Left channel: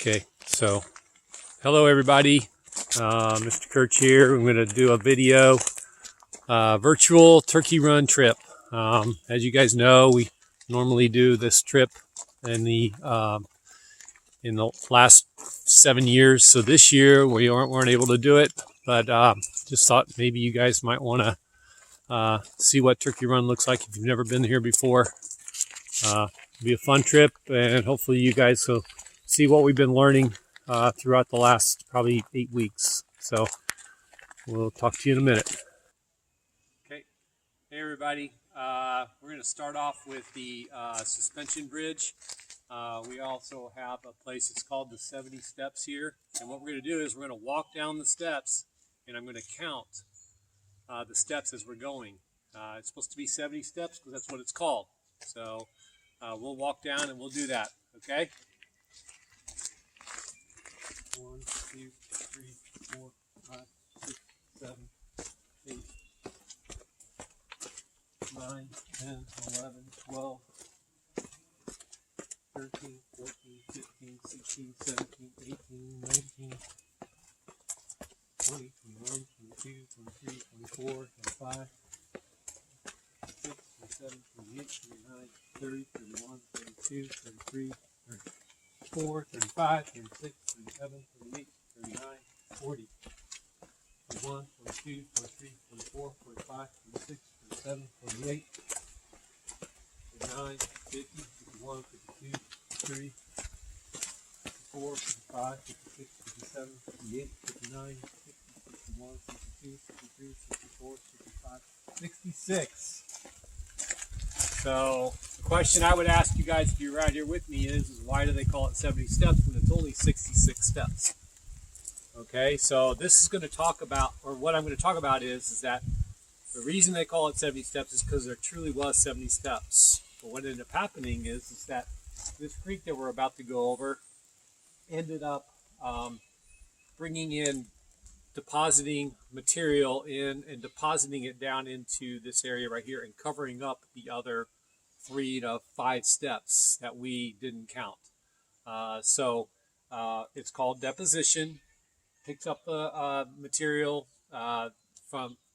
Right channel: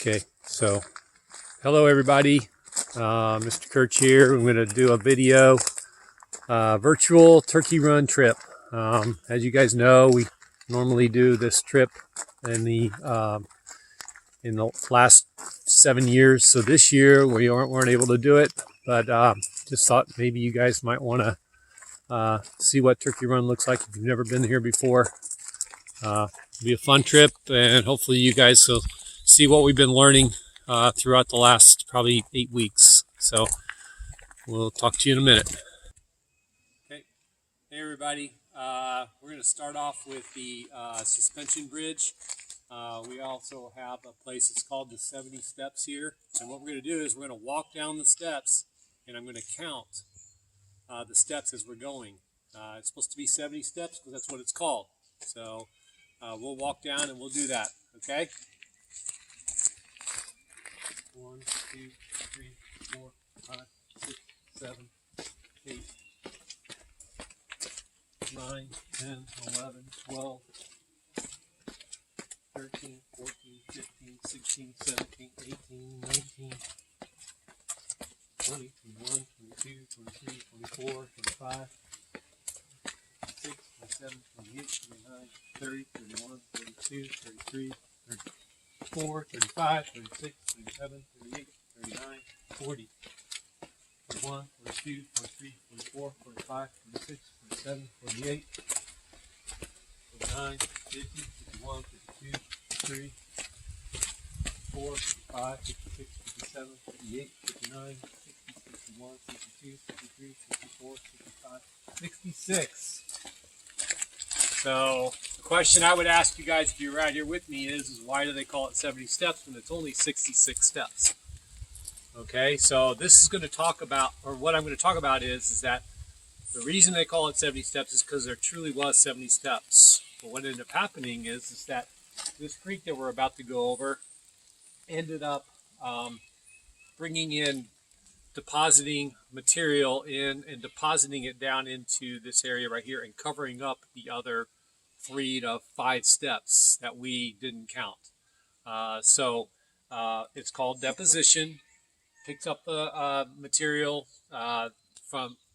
Okay, so hello everybody. Mr. Kirch here. I'm going to do a video, virtual turkey run trip. As you guys know, we normally do this trip in the last 7 years. So this year we weren't able to do it, but just thought maybe you guys might want to see what turkey run looks like if you've never been here before. It'll be a fun trip, and hopefully you guys will see what we've been learning throughout the last probably 8 weeks. So we'll talk to you in a minute. Okay, hey everybody. We're going to start off with the suspension bridge. We also have a place that's called the 70 steps here. And what we're going to do is we're going to walk down the steps, and I'm going to count the steps as we're going. It's supposed to be 70 steps because that's what it's called. So we'll walk down and we'll do that, okay? 1, 2, 3, 4, 5, 6, 7, 8, 9, 10, 11, 12, 13, 14, 15, 16, 17, 18, 19, 20, 21, 22, 23, 24, 25, 26, 27, 28, 29, 30, 31, 32, 33, 34, 35, 36, 37, 38, 39, 40, 41, 42, 43, 44, 45, 46, 47, 48, 49, 50, 51, 52, 53, 54, 55, 56, 57, 58, 59, 60, 61, 62, 63, 64, 65, 66. So the question I would ask you guys if you're right here with me is why do they call it 70 steps when it's only 66 steps? Okay, so this is going to talk about, or what I'm going to talk about is that the reason they call it 70 steps is because there truly was 70 steps. But what ended up happening is that this creek that we're about to go over ended up bringing in, depositing material in and depositing it down into this area right here and covering up the other 3 to 5 steps that we didn't count. So it's called deposition. Picks up the material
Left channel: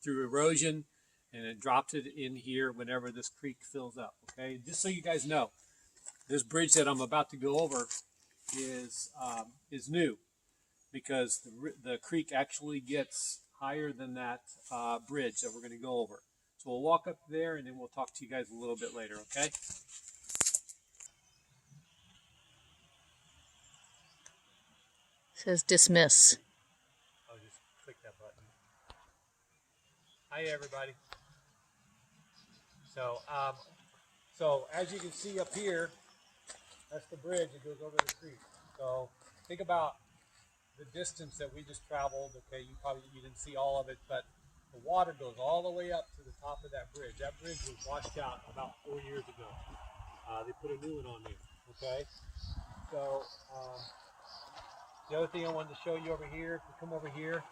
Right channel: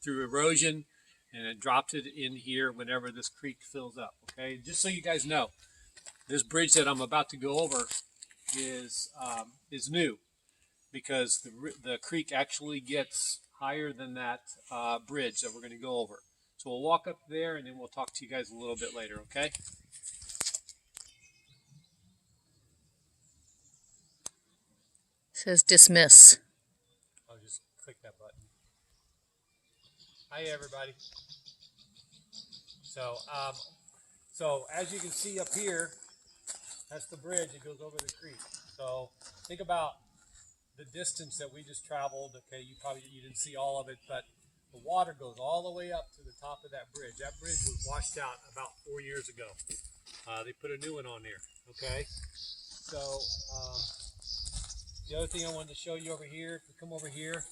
through erosion and it drops it in here whenever this creek fills up. Okay, just so you guys know, this bridge that I'm about to go over is new, because the creek actually gets higher than that bridge that we're going to go over. So we'll walk up there and then we'll talk to you guys a little bit later, okay? It says dismiss. I'll just click that button. Hi everybody. So as you can see up here, that's the bridge that goes over the creek. So think about the distance that we just traveled. Okay, you didn't see all of it, but the water goes all the way up to the top of that bridge. That bridge was washed out about 4 years ago. They put a new one on there. Okay, so the other thing I wanted to show you over here, if you come over here,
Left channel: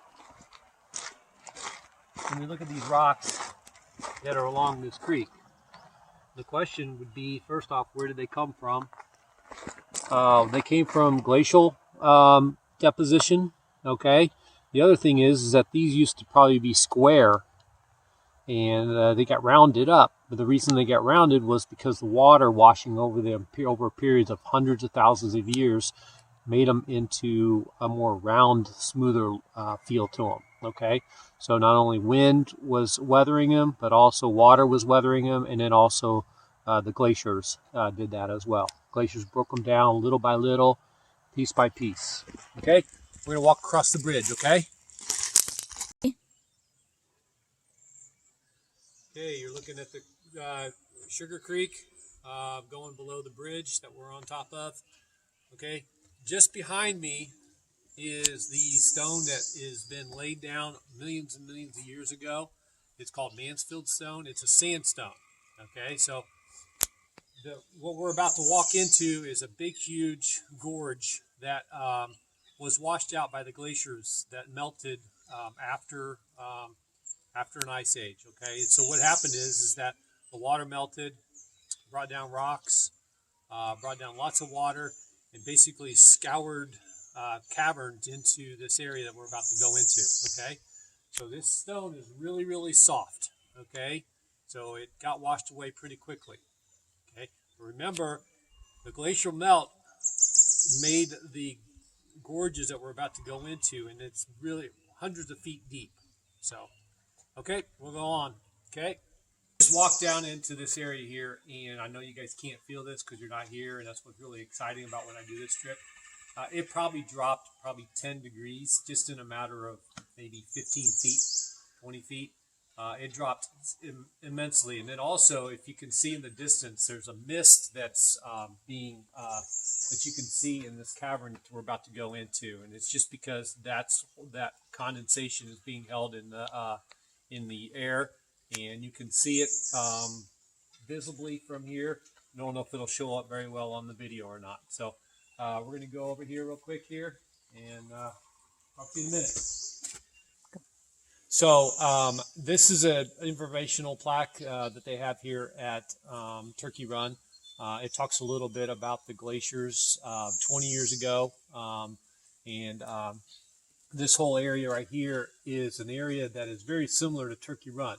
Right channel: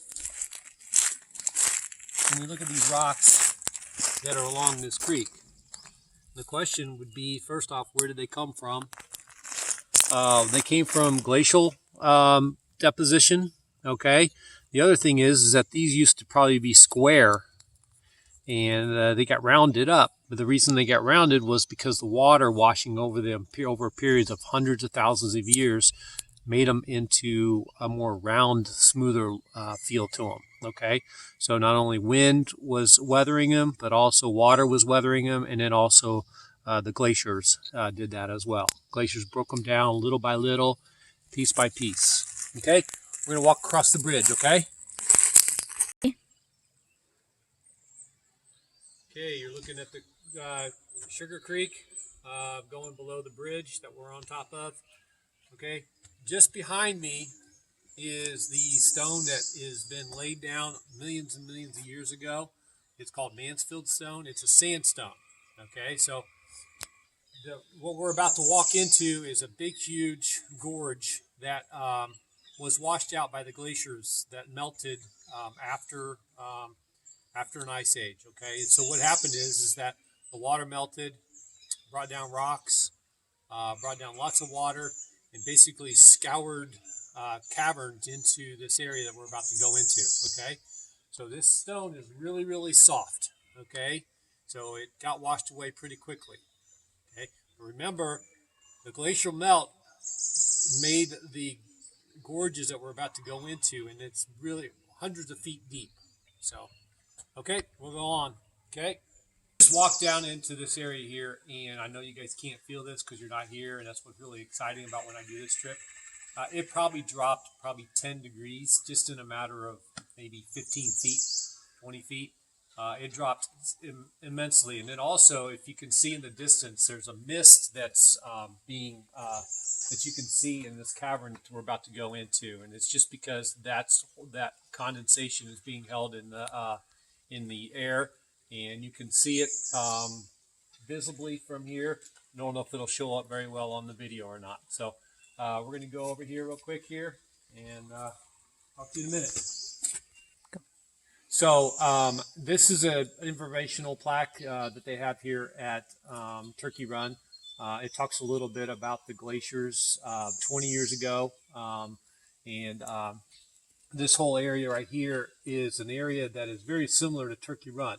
when we look at these rocks that are along this creek, the question would be, first off, where did they come from? They came from glacial deposition. Okay, the other thing is that these used to probably be square, and they got rounded up. But the reason they got rounded was because the water washing over them over periods of hundreds of thousands of years made them into a more round, smoother feel to them. Okay, so not only wind was weathering them, but also water was weathering them, and then also the glaciers did that as well. Glaciers broke them down little by little, piece by piece. Okay, we're gonna walk across the bridge. Okay. Okay, you're looking at the Sugar Creek going below the bridge that we're on top of. Okay, just behind me is the stone that has been laid down millions and millions of years ago. It's called Mansfield stone. It's a sandstone. Okay, so what we're about to walk into is a big, huge gorge that was washed out by the glaciers that melted after an ice age. Okay, so what happened is that the water melted, brought down rocks, brought down lots of water, and basically scoured caverns into this area that we're about to go into. Okay, so this stone is really, really soft. Okay, so it got washed away pretty quickly. Okay, but remember, the glacial melt made the gorges that we're about to go into, and it's really hundreds of feet deep. So, okay, we'll go on. Okay, just walk down into this area here, and I know you guys can't feel this because you're not here, and that's what's really exciting about when I do this trip. It probably dropped 10 degrees just in a matter of maybe 15 feet, 20 feet. It dropped immensely. And then also, if you can see in the distance, there's a mist that's that you can see in this cavern that we're about to go into. And it's just because that condensation is being held in the air, and you can see it visibly from here. I don't know if it'll show up very well on the video or not. So we're going to go over here real quick here, and talk to you in a minute. So this is an informational plaque that they have here at Turkey Run. It talks a little bit about the glaciers 20 years ago, and this whole area right here is an area that is very similar to Turkey Run.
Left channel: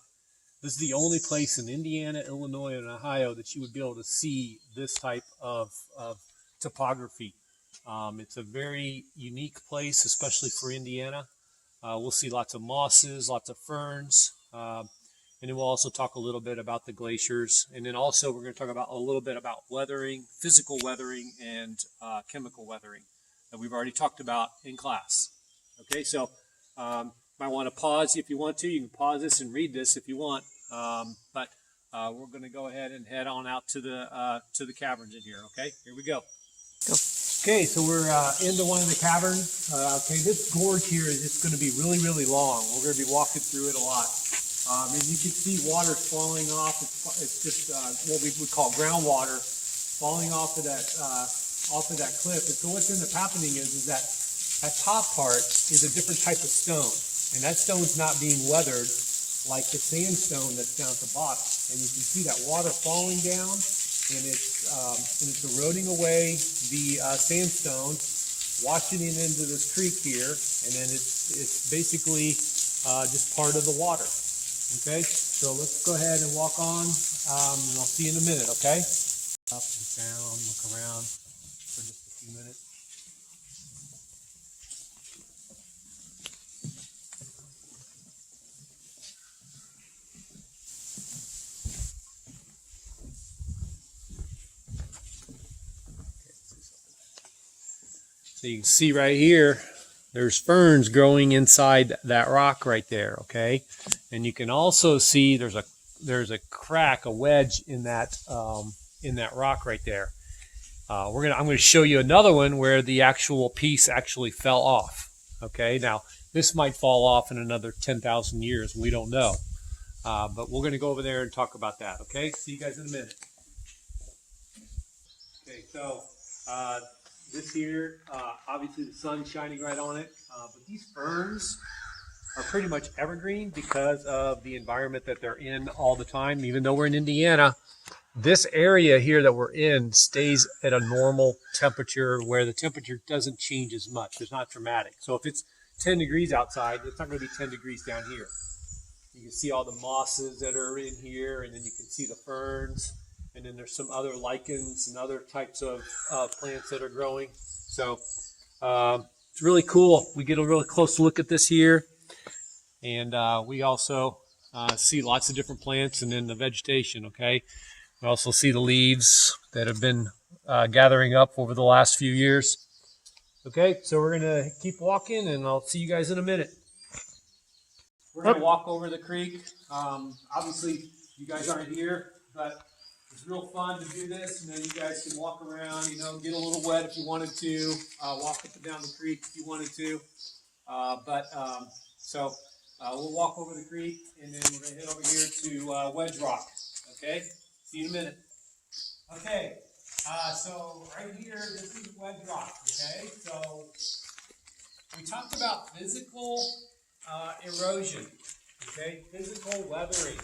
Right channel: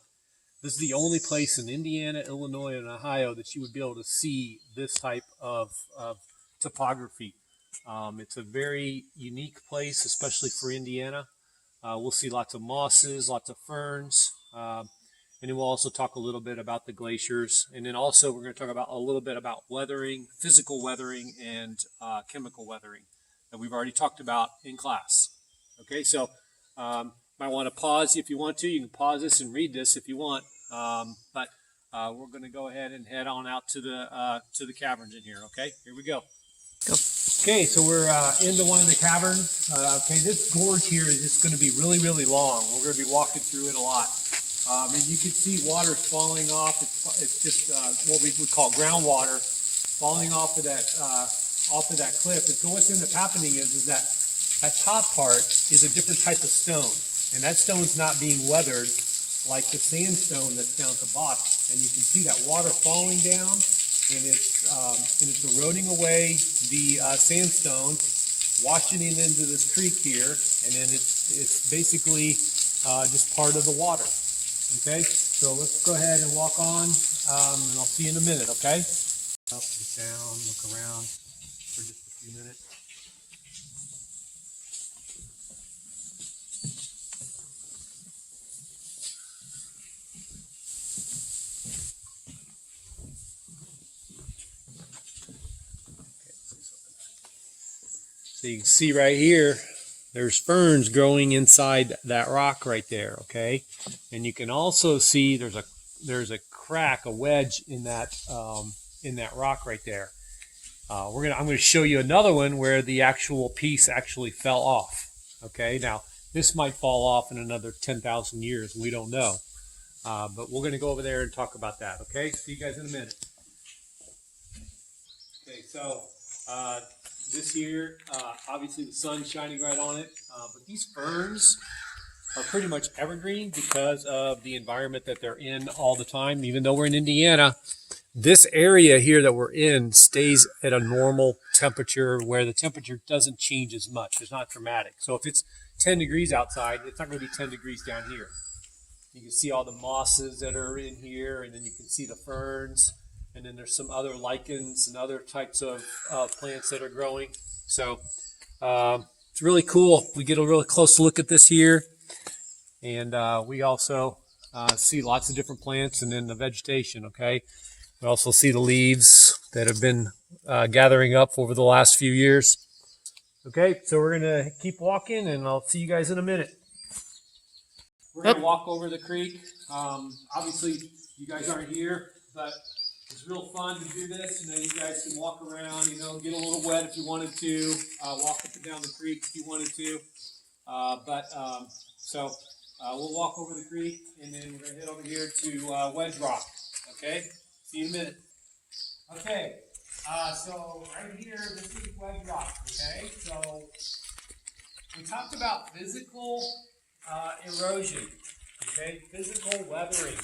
This is the only place in Indiana, Illinois, and Ohio that you would be able to see this type of topography. It's a very unique place, especially for Indiana. We'll see lots of mosses, lots of ferns, and then we'll also talk a little bit about the glaciers. And then also we're going to talk about a little bit about weathering, physical weathering, and chemical weathering that we've already talked about in class. Okay, so might want to pause if you want to. You can pause this and read this if you want. But we're going to go ahead and head on out to the caverns in here. Okay, here we go. Go. Okay, so we're into one of the caverns. Okay, this gorge here is just going to be really, really long. We're going to be walking through it a lot. And you can see water falling off. It's just what we would call groundwater falling off of that cliff. And so what's ended up happening is that top part is a different type of stone, and that stone's not being weathered like the sandstone that's down at the bottom. And you can see that water falling down, and it's eroding away the sandstone, washing it into this creek here, and then it's basically just part of the water. Okay, so let's go ahead and walk on, and I'll see you in a minute. Okay, up and down, look around for just a few minutes. So you can see right here, there's ferns growing inside that rock right there, okay? And you can also see there's a crack, a wedge in that rock right there. I'm going to show you another one where the actual piece actually fell off. Okay, now this might fall off in another 10,000 years. We don't know, but we're going to go over there and talk about that. Okay, see you guys in a minute. Okay, so. This here, obviously the sun's shining right on it, but these ferns are pretty much evergreen because of the environment that they're in all the time. Even though we're in Indiana, this area here that we're in stays at a normal temperature where the temperature doesn't change as much. It's not dramatic. So if it's 10 degrees outside, it's not going to be 10 degrees down here. You can see all the mosses that are in here, and then you can see the ferns. And then there's some other lichens and other types of plants that are growing. So it's really cool. We get a really close look at this here. And we also see lots of different plants and then the vegetation, okay? We also see the leaves that have been gathering up over the last few years. Okay, so we're going to keep walking, and I'll see you guys in a minute. We're going to walk over the creek. Obviously, you guys aren't here, but it's real fun to do this. You know, you guys can walk around, you know, get a little wet if you wanted to, walk up and down the creek if you wanted to. So we'll walk over the creek, and then we're going to head over here to Wedge Rock. Okay? See you in a minute. Okay. So right here, this is Wedge Rock. Okay? So we talked about physical erosion. Okay? Physical weathering.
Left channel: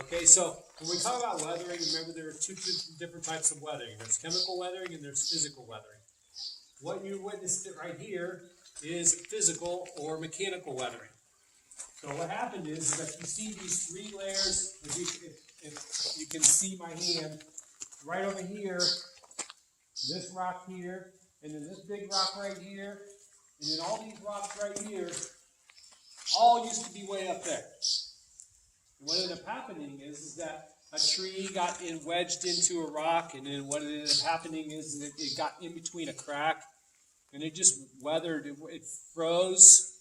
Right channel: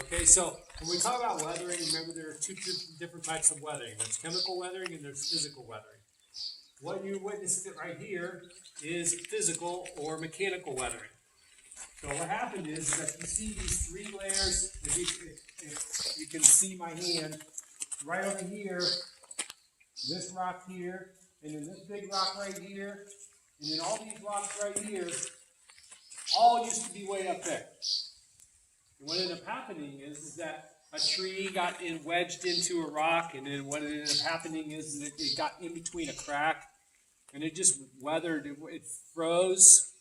Okay, so when we talk about weathering, remember there are two different types of weathering. There's chemical weathering and there's physical weathering. what you witnessed right here is physical or mechanical weathering. So what happened is that you see these three layers, if you can see my hand, right over here, this rock here, and then this big rock right here, and then all these rocks right here, all used to be way up there. And what ended up happening is that a tree got wedged into a rock, and then what ended up happening is that it got in between a crack, and it just weathered. It froze,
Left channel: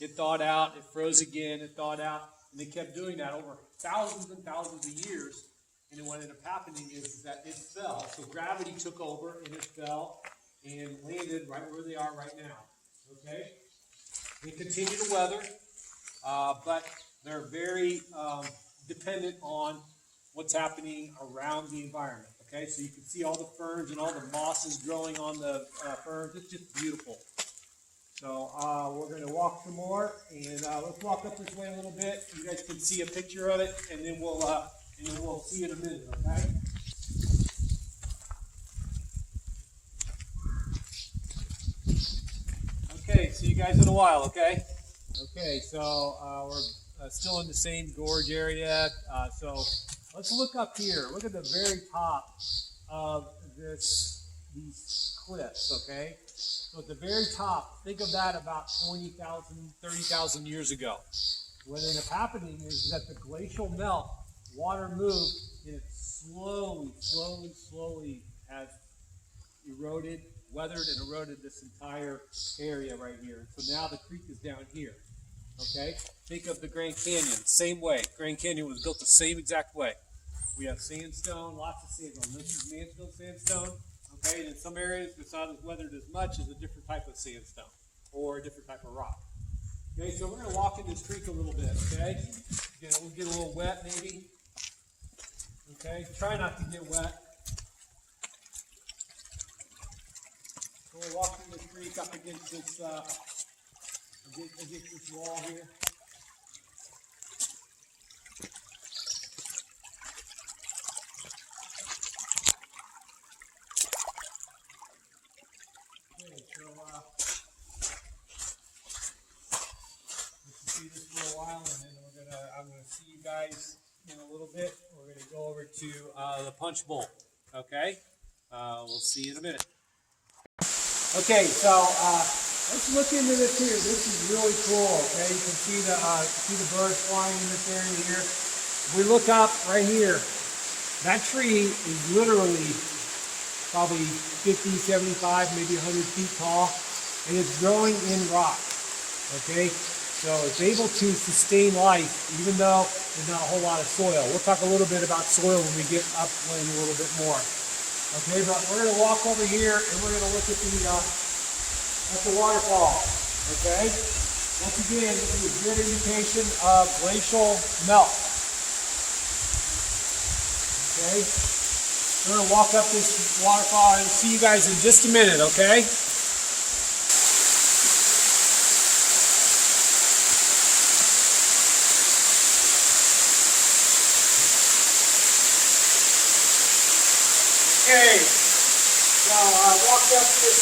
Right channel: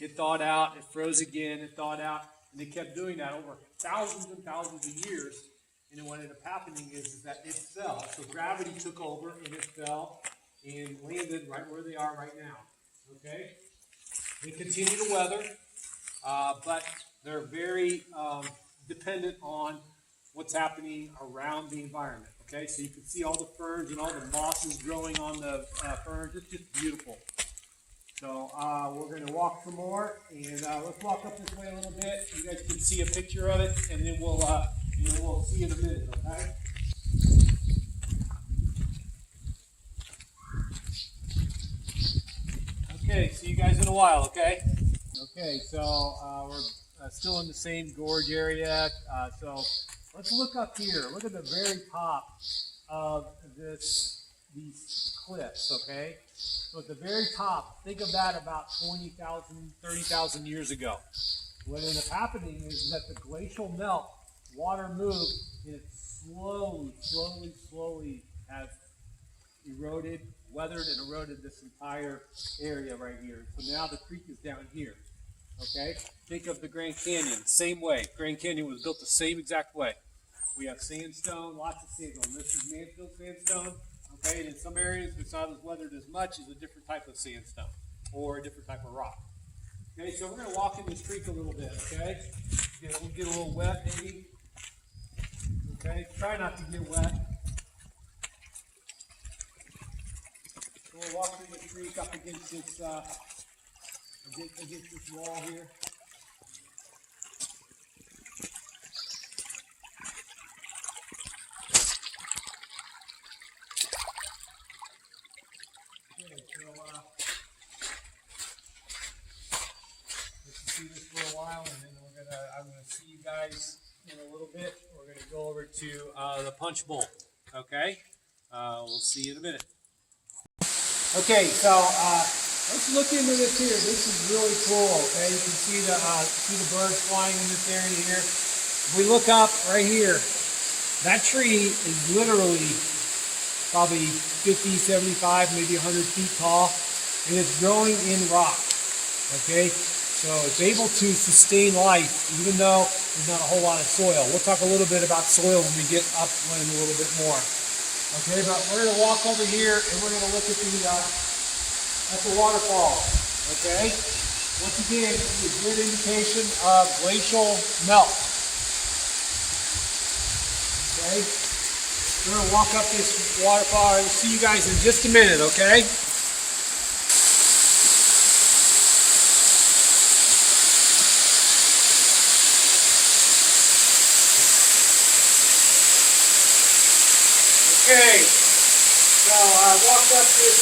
it thawed out, it froze again, it thawed out, and they kept doing that over thousands and thousands of years. And then what ended up happening is that it fell. So gravity took over, and it fell and landed right where they are right now. Okay? They continue to weather, but they're very dependent on what's happening around the environment. Okay, so you can see all the ferns and all the mosses growing on the ferns. It's just beautiful. So we're going to walk some more, and let's walk up this way a little bit. You guys can see a picture of it, and then we'll see in a minute. Okay. Okay, see you guys in a while. Okay. Okay, so we're still in the same gorge area. So let's look up here. Look at the very top of these cliffs, okay? So at the very top, think of that about 20,000, 30,000 years ago. What ended up happening is that the glacial melt, water moved, and it slowly has eroded, weathered, and eroded this entire area right here. So now the creek is down here. Okay, think of the Grand Canyon, same way. Grand Canyon was built the same exact way. We have sandstone, lots of sandstone. This is Mansfield sandstone. Okay, and in some areas it's not as weathered as much as a different type of sandstone or a different type of rock. Okay, so we're going to walk in this creek a little bit. Okay, we'll get a little wet maybe. Okay, try not to get wet. So we're walking the creek up against this. Against this wall here. Okay, so let's see this for a while, and then I'm gonna see you guys in a little bit. We're gonna go over to the punch bowl. Okay, we'll see you in a minute. Okay, so. Let's look into this here. This is really cool. Okay, you can see the birds flying in this area here. If we look up right here, that tree is literally probably 50, 75, maybe 100 feet tall, and it's growing in rock. Okay, so it's able to sustain life even though there's not a whole lot of soil. We'll talk a little bit about soil when we get upland a little bit more. Okay, but we're going to walk over here and we're going to look at the waterfall. Okay? Once again, this is a good indication of glacial melt. Okay? We're going to walk up this waterfall and see you guys in just a minute, okay? Okay, so I walked up this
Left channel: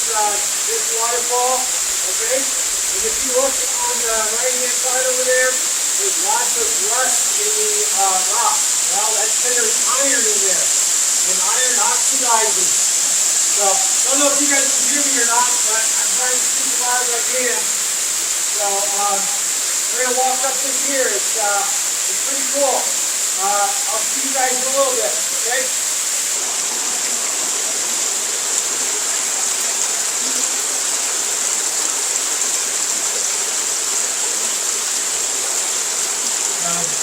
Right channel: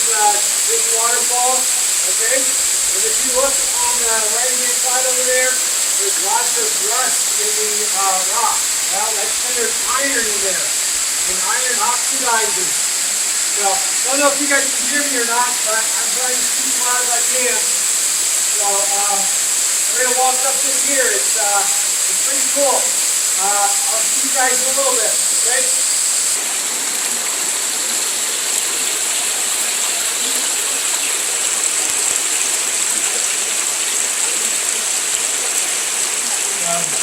waterfall, okay? And if you look on the right-hand side over there, there's lots of rust in the rock. Well, that's because there's iron in there, and iron oxidizes. So, I don't know if you guys can hear me or not, but I'm trying to speak as loud as I can. So, we're going to walk up this here. It's pretty cool. I'll see you guys in a little bit, okay?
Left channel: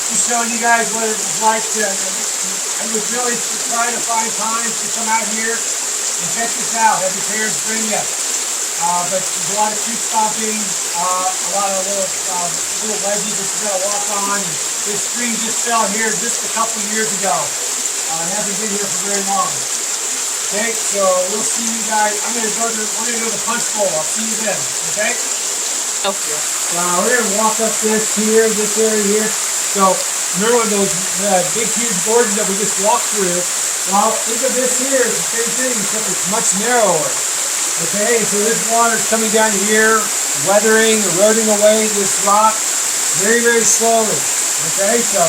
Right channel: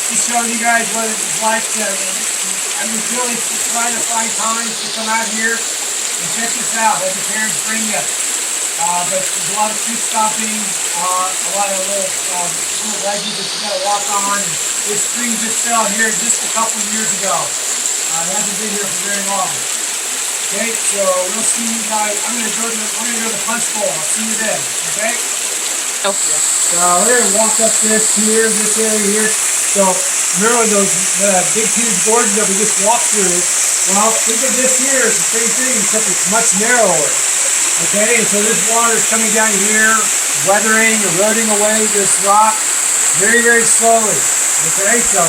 Just showing you guys what it was like to, I was really trying to find time to come out here and check this out. Let your parents bring you. But there's a lot of creek stomping, a lot of little ledges that you got to walk on. And this stream just fell here just a couple of years ago. It hasn't been here for very long. Okay, so we'll see you guys. I'm gonna go to the punch bowl. I'll see you then. Okay. Oh. So we're gonna walk up this area here. So remember those big huge gorges that we just walked through? Well, think of this here as the same thing, except it's much narrower. Okay, so this water is coming down here, weathering, eroding away this rock very, very slowly. Okay, so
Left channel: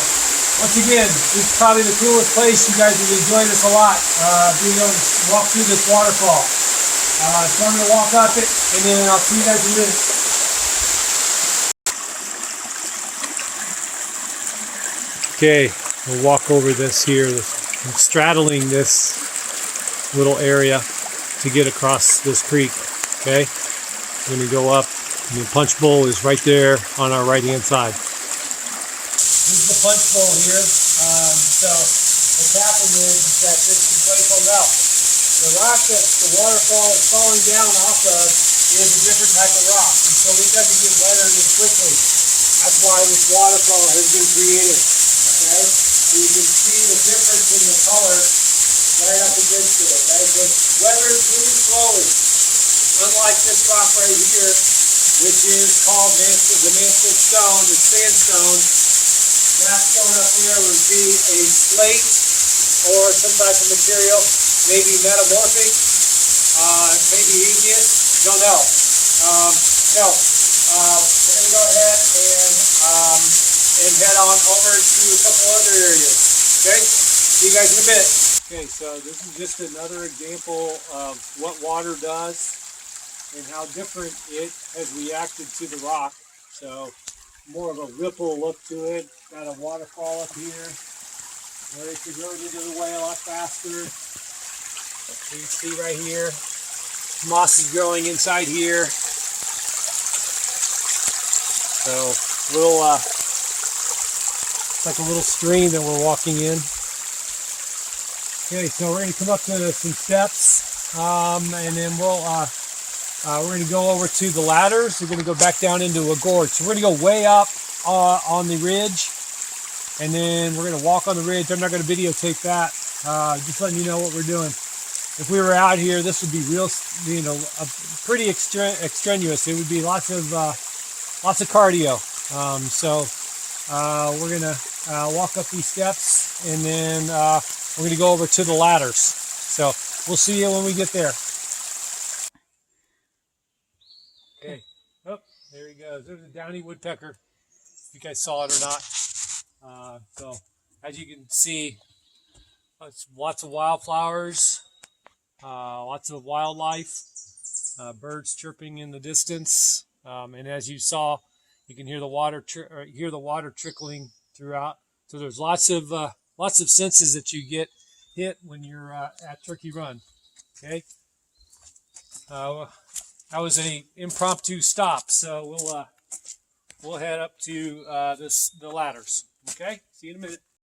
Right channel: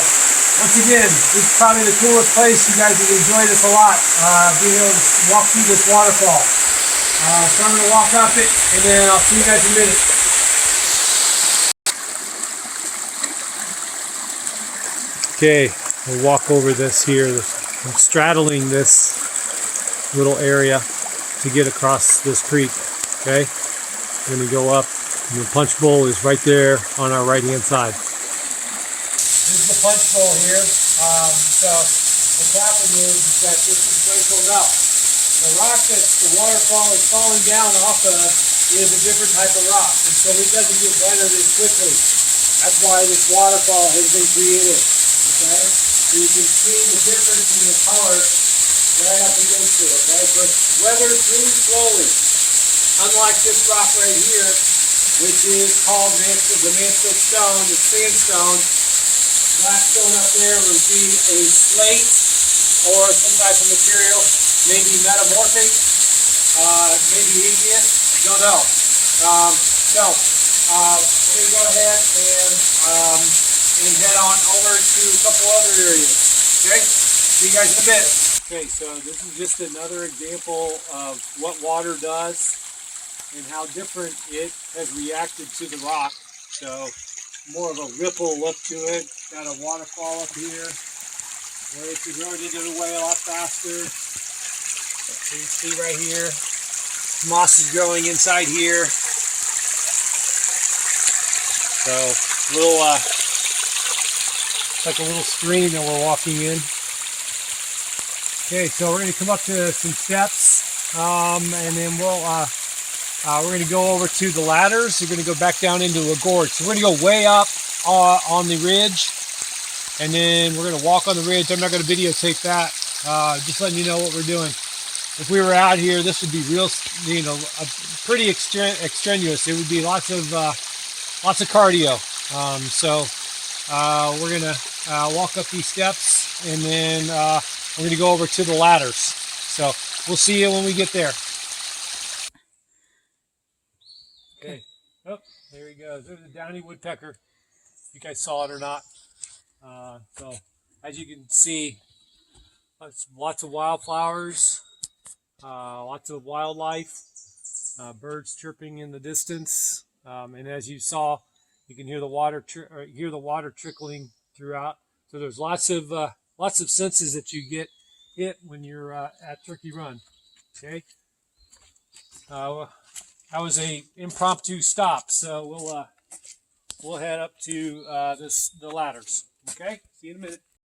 once again, this is probably the coolest place. You guys will enjoy this a lot, being able to walk through this waterfall. So I'm going to walk up it, and then I'll see you guys in a minute. Okay, we'll walk over this here. I'm straddling this little area to get across this creek. Okay, we're going to go up. And the punch bowl is right there on our right hand side. This is the punch bowl here. So what's happened is that this is glacial melt. The rock that the waterfall is falling down off of is a different type of rock, and so it doesn't get weathered as quickly. That's why this waterfall has been created. Okay, so you can see the difference in the color right up against it. Okay, so it's weathered really slowly, unlike this rock right here, which is called the Mansfield stone. It's sandstone. That stone up there would be a slate or some type of material, maybe metamorphic, maybe igneous, don't know. So we're going to go ahead and head on over to a couple other areas. Okay, see you guys in a bit. Okay, so this is just another example of what water does and how different it has reacted to the rock. So more of a ripple look to it. Got a waterfall up here where it's eroded it away a lot faster. You can see right here, moss is growing inside here. So little, like a little stream that we're walking in. Okay, so we're going to come up to some steps, and then we're going to go over to the ladders. We're going to go back down into a gorge. So we're going to go way up on the ridge, and then we're going to walk on the ridge. I'm not going to videotape that. Just letting you know what we're doing. If we were out here, this would be real, pretty extraneous. It would be lots of cardio. So we're going to walk up these steps, and then we're going to go over to the ladders. So we'll see you when we get there. Okay. Oh, there he goes. There's a downy woodpecker. If you guys saw it or not. So as you can see, lots of wildflowers, lots of wildlife, birds chirping in the distance, and as you saw, you can hear the water trickling throughout. So there's lots of senses that you get hit when you're at Turkey Run. Okay. That was a impromptu stop, so we'll head up to the ladders. Okay, see you in a minute.